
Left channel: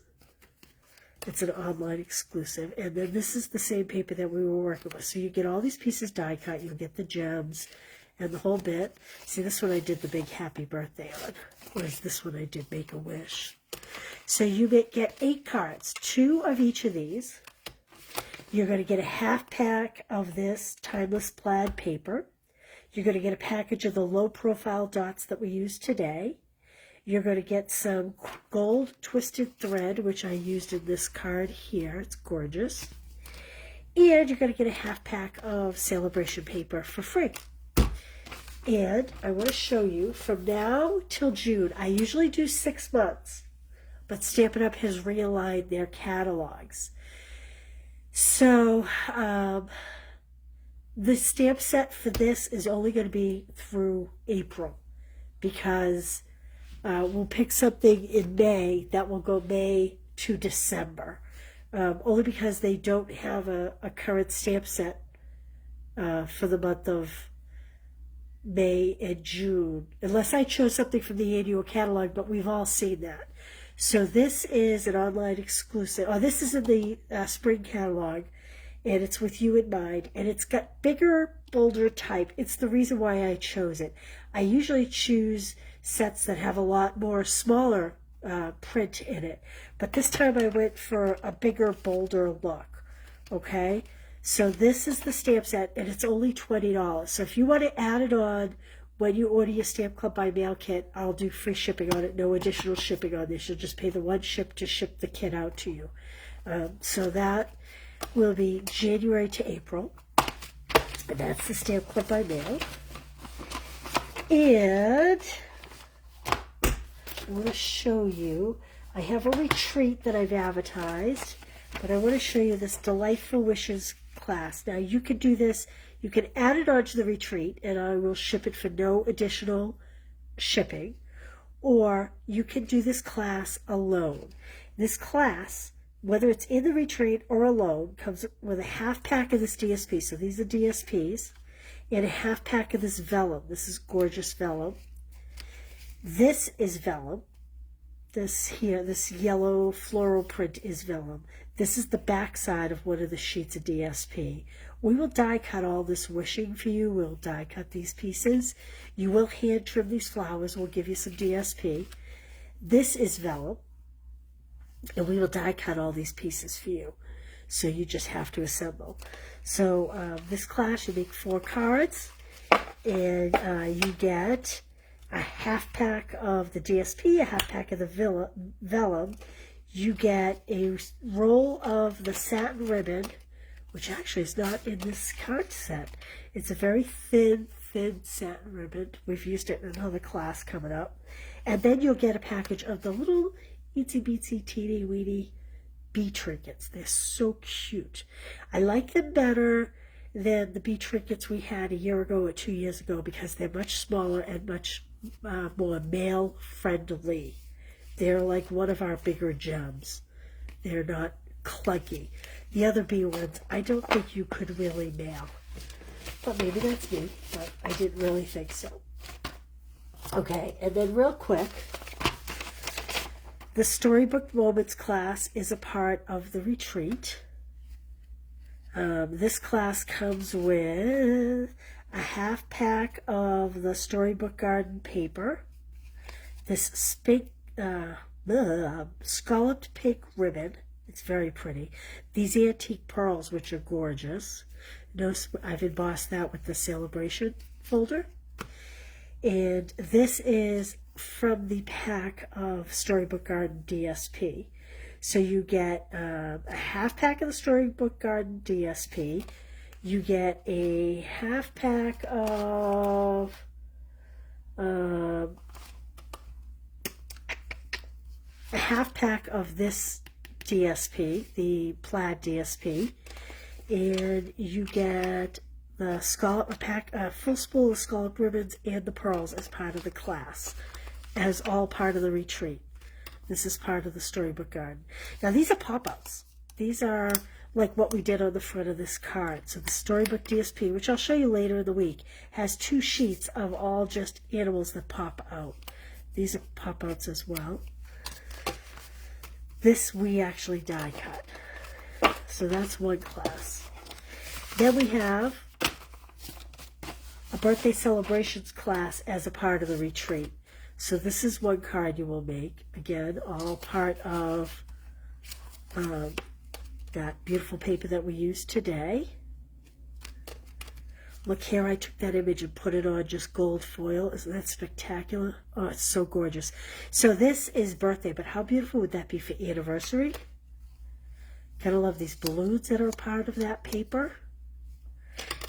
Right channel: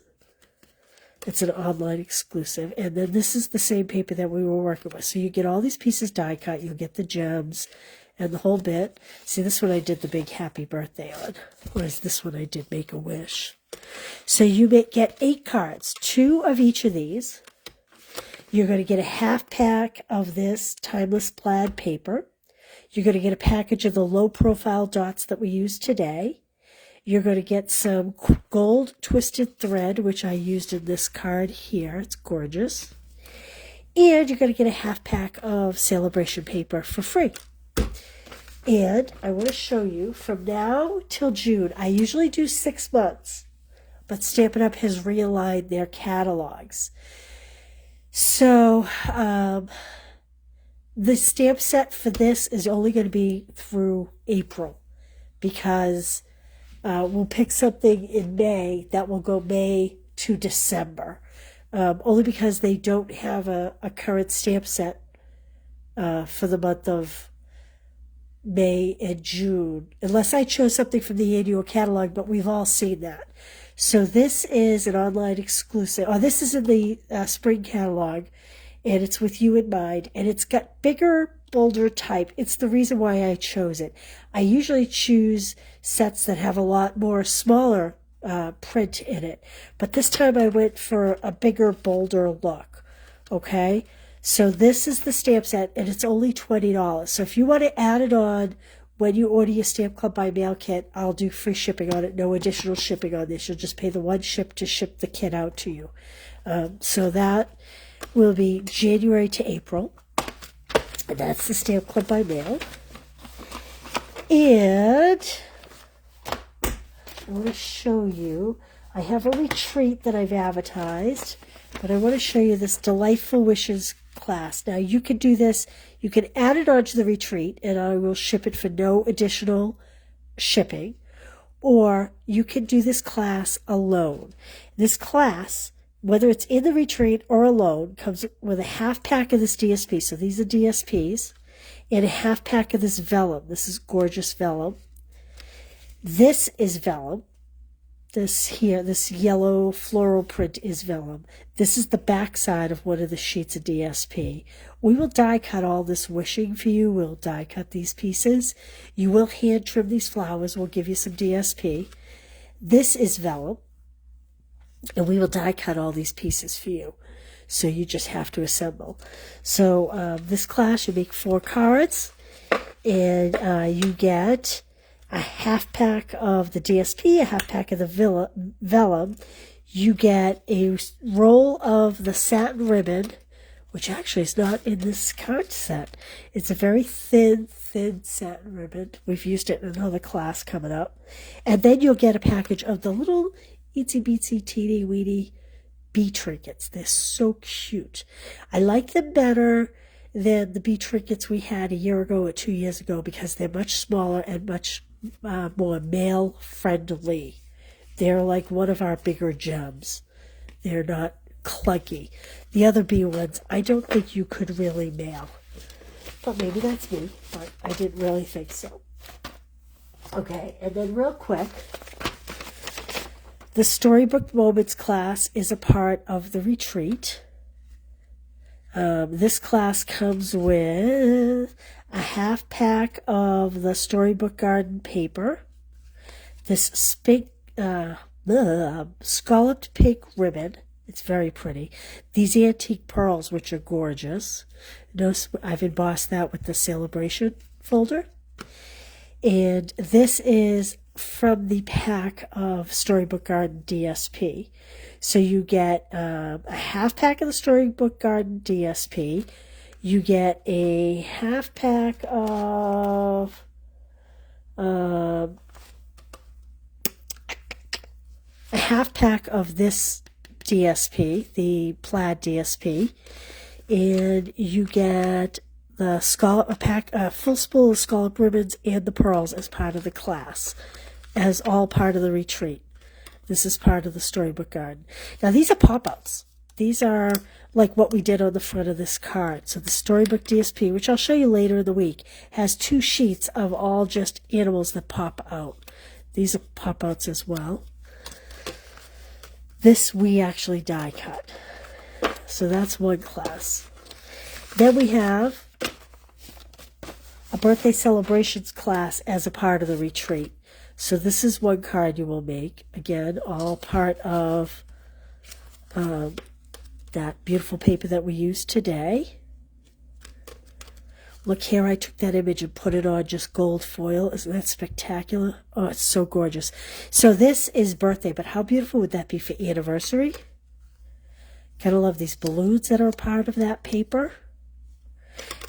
It's an online exclusive. And then this is the same paper that we were working with. So you get all these pieces die cut. You get the gems and the whole bit. See, this one I did the big happy birthday on. Whereas this one I did make a wish. So you get 8 cards, 2 of each of these. You're going to get a half pack of this timeless plaid paper. You're going to get a package of the low profile dots that we used today. You're going to get some gold twisted thread, which I used in this card here. It's gorgeous. And you're going to get a half pack of celebration paper for free. And I want to show you from now till June. I usually do 6 months, but Stampin' Up! Has realigned their catalogs. So the stamp set for this is only going to be through April, because we'll pick something in May that will go May to December, only because they don't have a current stamp set for the month of May and June, unless I chose something from the annual catalog, but we've all seen that. So this is an online exclusive. Oh, this is in the spring catalog, and it's with you in mind, and it's got bigger, bolder type. It's the reason why I chose it. I usually choose sets that have a lot more smaller print in it, but this time I went for a bigger, bolder look. Okay, so this is the stamp set, and it's only $20. So if you want to add it on when you order your Stamp Club by Mail kit, I'll do free shipping on it, no additional shipping on this. You'll just pay the one ship to ship the kit out to you. So that will be January to April. And that's the Stamp Club by Mail. And I want to show you, I have a retreat that I've advertised, but I want to show you this Delightful Wishes class. Now you can do this. You can add it onto the retreat, and I will ship it for no additional shipping. Or you can do this class alone. This class, whether it's in the retreat or alone, comes with a half pack of this DSP. So these are DSPs, and a half pack of this vellum. This is gorgeous vellum. This is vellum. This here, this yellow floral print is vellum. This is the back side of one of the sheets of DSP. We will die cut all this wishing for you. We'll die cut these pieces. You will hand trim these flowers. We'll give you some DSP. This is vellum, and we will die cut all these pieces for you. So you just have to assemble. So this class, you make 4 cards, and you get a half pack of the DSP, a half pack of the vellum. You get a roll of the satin ribbon, which actually is not in this card set. It's a very thin satin ribbon. We've used it in another class coming up. And then you'll get a package of the little itsy bitsy teeny weeny bee trinkets. They're so cute. I like them better than the bee trinkets we had a year ago or 2 years ago, because they're much smaller and much more male friendly. They're like one of our bigger gems. They're not clunky. The other bee ones, I don't think you could really mail. But maybe that's me, but I didn't really think so. Okay, and then real quick, the Storybook Moments class is a part of the retreat. This class comes with a half pack of the Storybook Garden paper, this scalloped pink ribbon. It's very pretty. These antique pearls, which are gorgeous. Notice I've embossed that with the celebration folder. And this is from the pack of Storybook Garden DSP. So you get a half pack of the Storybook Garden DSP. You get a half pack of this DSP, the plaid DSP, and you get the full spool of scallop ribbons and the pearls as part of the class, as all part of the retreat. This is part of the Storybook Garden. Now these are pop-outs. These are like what we did on the front of this card. So the Storybook DSP, which I'll show you later in the week, has 2 sheets of all just animals that pop out. These are pop-outs as well. This we actually die cut. So that's one class. Then we have a birthday celebrations class as a part of the retreat. So this is one card you will make. Again, all part of that beautiful paper that we used today. Look here, I took that image and put it on just gold foil. Isn't that spectacular? Oh, it's so gorgeous. So this is birthday, but how beautiful would that be for anniversary? Gotta love these balloons that are part of that paper.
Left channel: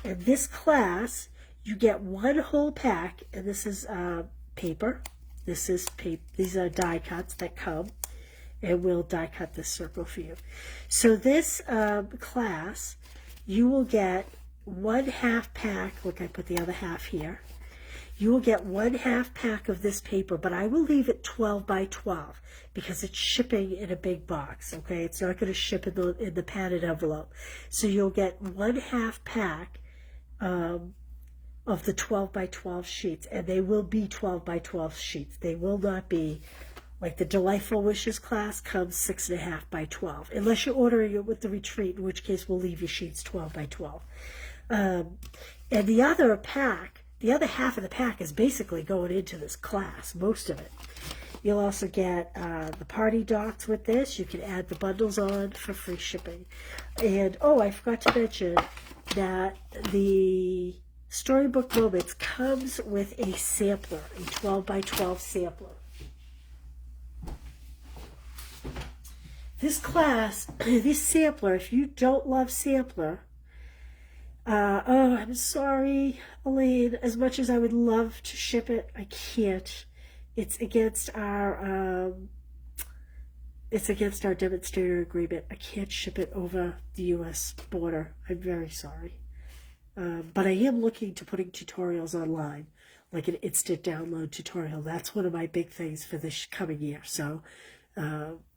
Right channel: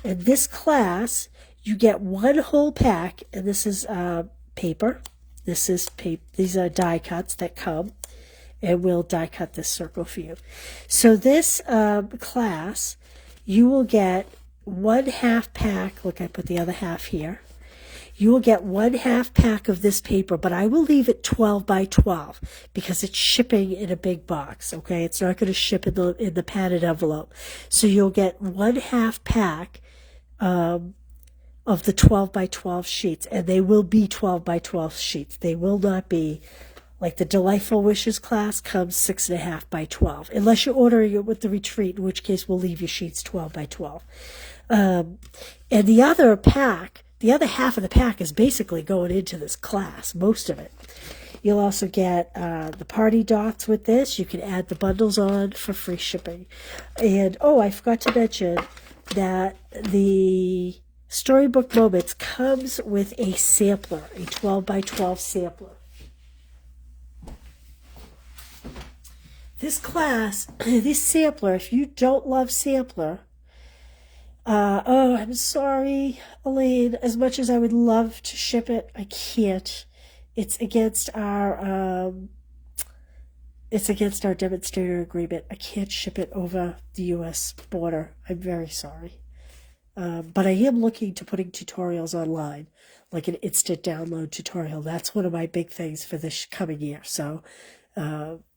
And this class, you get one whole pack, and this is paper. This is paper. These are die cuts that come, and we'll die cut this circle for you. So this class, you will get 1/2 pack. Look, I put the other half here. You will get 1/2 pack of this paper, but I will leave it 12 by 12 because it's shipping in a big box. Okay, it's not going to ship in the padded envelope. So you'll get 1/2 pack of the 12 by 12 sheets, and they will be 12 by 12 sheets. They will not be like the Delightful Wishes class comes 6.5 by 12, unless you're ordering it with the retreat, in which case we'll leave your sheets 12 by 12. And the other pack, the other half of the pack is basically going into this class, most of it. You'll also get the party dots with this. You can add the bundles on for free shipping. And, oh, I forgot to mention that the Storybook Moments comes with a sampler, a 12 by 12 sampler. This class, this sampler, if you don't love sampler, oh, I'm sorry, Elaine, as much as I would love to ship it, I can't. It's against our demonstrator agreement. I can't ship it over the U.S. border. I'm very sorry. But I am looking to putting tutorials online, like an instant download tutorial. That's one of my big things for this coming year. So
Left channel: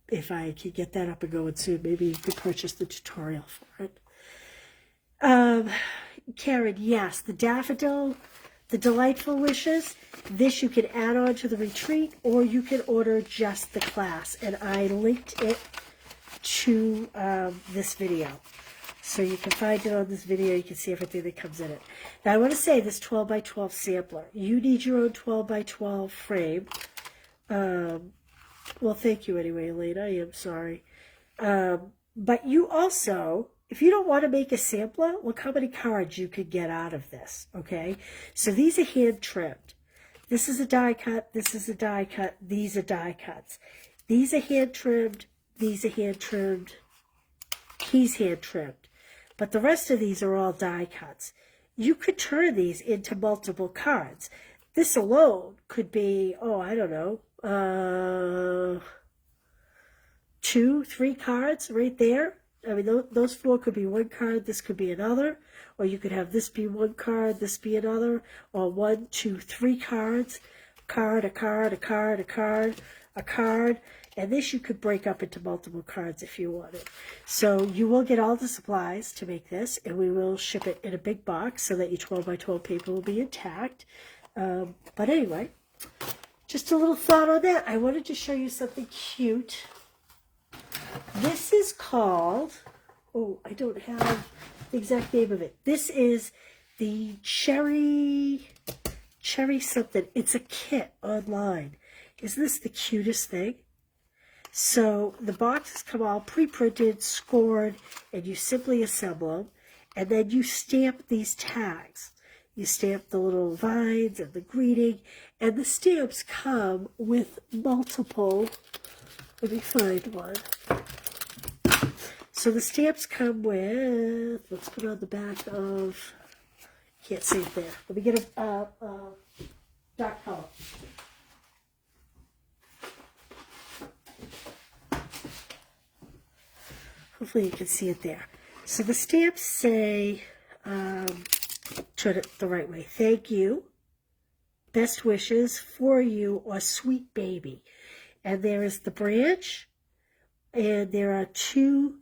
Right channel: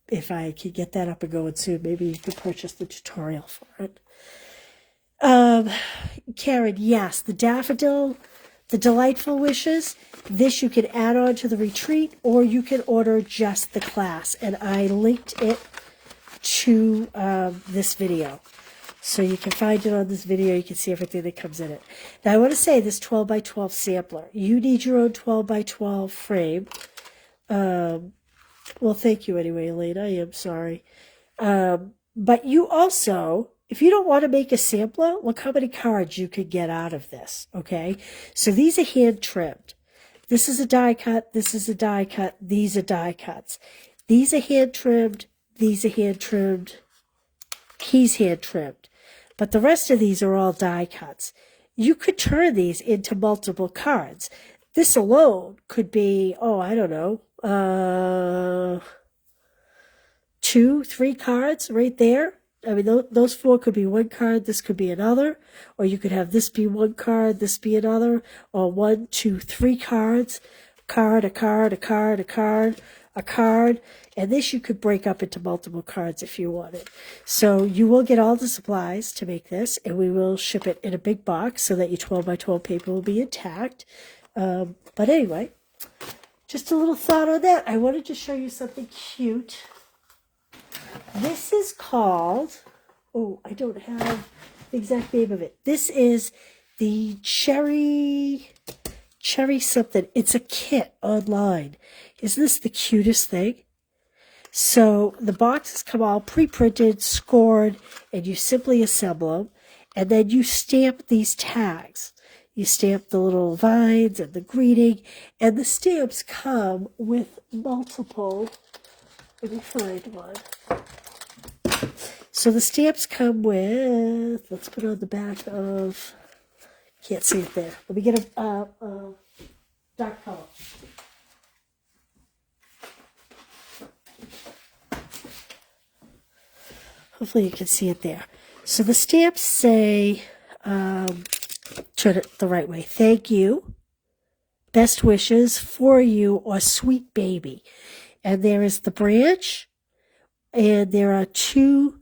if I can get that up and going soon, maybe you could purchase the tutorial for it. Karen, yes, the daffodil, the Delightful Wishes, this you can add on to the retreat, or you can order just the class. And I linked it to this video. So you can find it on this video. You can see everything that comes in it. Now I want to say this 12 by 12 sampler. You need your own 12 by 12 frame. Well, thank you anyway, Elena. I am sorry. But you also, if you don't want to make a sampler, look how many cards you could get out of this, okay? So these are hand trimmed. This is a die cut. This is a die cut. These are die cuts. These are hand trimmed. These are hand trimmed. He's hand trimmed. But the rest of these are all die cuts. You could turn these into multiple cards. This alone could be, oh, I don't know, 2, 3 cards right there. I mean, those 4 could be one card, this could be another, or you could have this be one card, this be another, or 1, 2, 3 cards, a card, a card, a card, a card, a card, and this you could break up into multiple cards if you wanted. So you will get all the supplies to make this, and we will ship it in a big box so that your 12 by 12 paper will be intact. But anyway, just a little thought on that. I wanted to show you something cute. This is called, oh, I don't have the exact name of it. This is the cherry something. It's a kit online. Isn't this the cutest thing? So the boxes come all pre-printed, scored, and you simply assemble them, and then you stamp these tags. You stamp the little vines and the greeting, and the stamps come with multiple. Let me find one. So the stamps come with, let's put on the back of, can't see it there. Let me get a dark color. Hopefully you can see it there. So the stamps say, turn it the right way. Thank you, best wishes for you, or sweet baby. And there is the branch, and there are two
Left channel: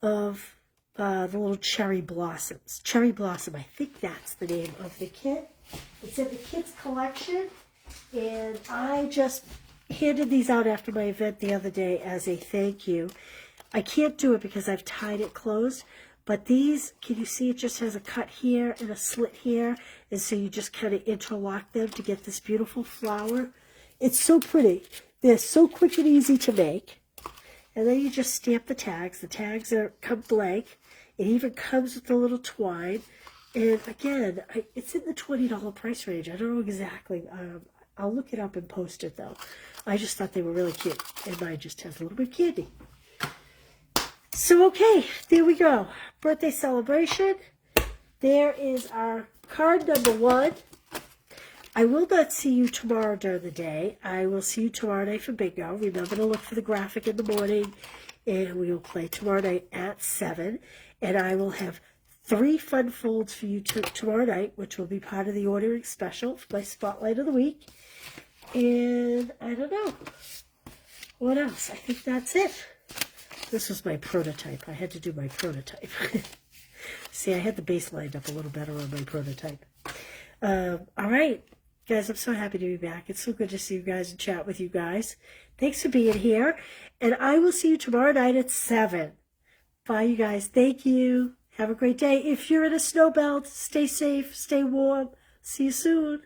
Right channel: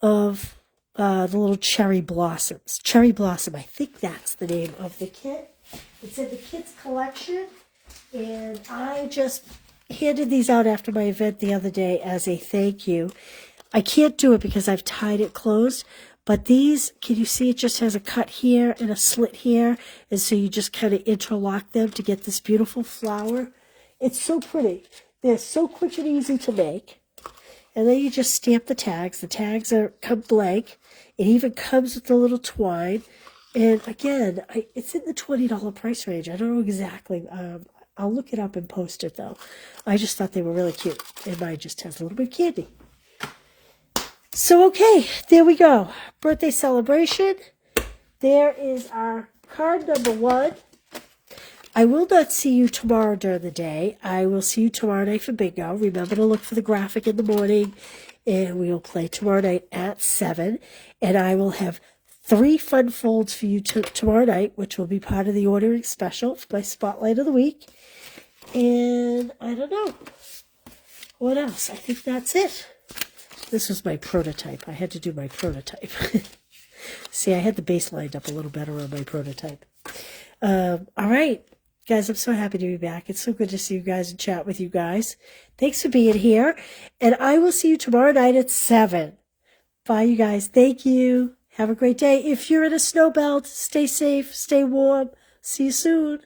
of the little cherry blossoms. Cherry blossom, I think that's the name of the kit. It's in the kids collection, and I just handed these out after my event the other day as a thank you. I can't do it because I've tied it closed, but these, can you see it just has a cut here and a slit here, and so you just kind of interlock them to get this beautiful flower. It's so pretty. They're so quick and easy to make. And then you just stamp the tags. The tags come blank. It even comes with a little twine. And again, it's in the $20 price range. I don't know exactly. I'll look it up and post it, though. I just thought they were really cute. And mine just has a little bit of candy. So, okay, there we go. Birthday celebration. There is our card number 1. I will not see you tomorrow during the day. I will see you tomorrow night for bingo. Remember to look for the graphic in the morning, and we will play tomorrow night at 7. And I will have 3 fun folds for you tomorrow night, which will be part of the ordering special for my Spotlight of the Week. And I don't know. What else? I think that's it. This was my prototype. I had to do my prototype. See, I had the base lined up a little better on my prototype. All right. Guys, I'm so happy to be back. It's so good to see you guys and chat with you guys. Thanks for being here. And I will see you tomorrow night at 7. Bye, you guys. Thank you. Have a great day. If you're in a snow belt, stay safe, stay warm. See you soon.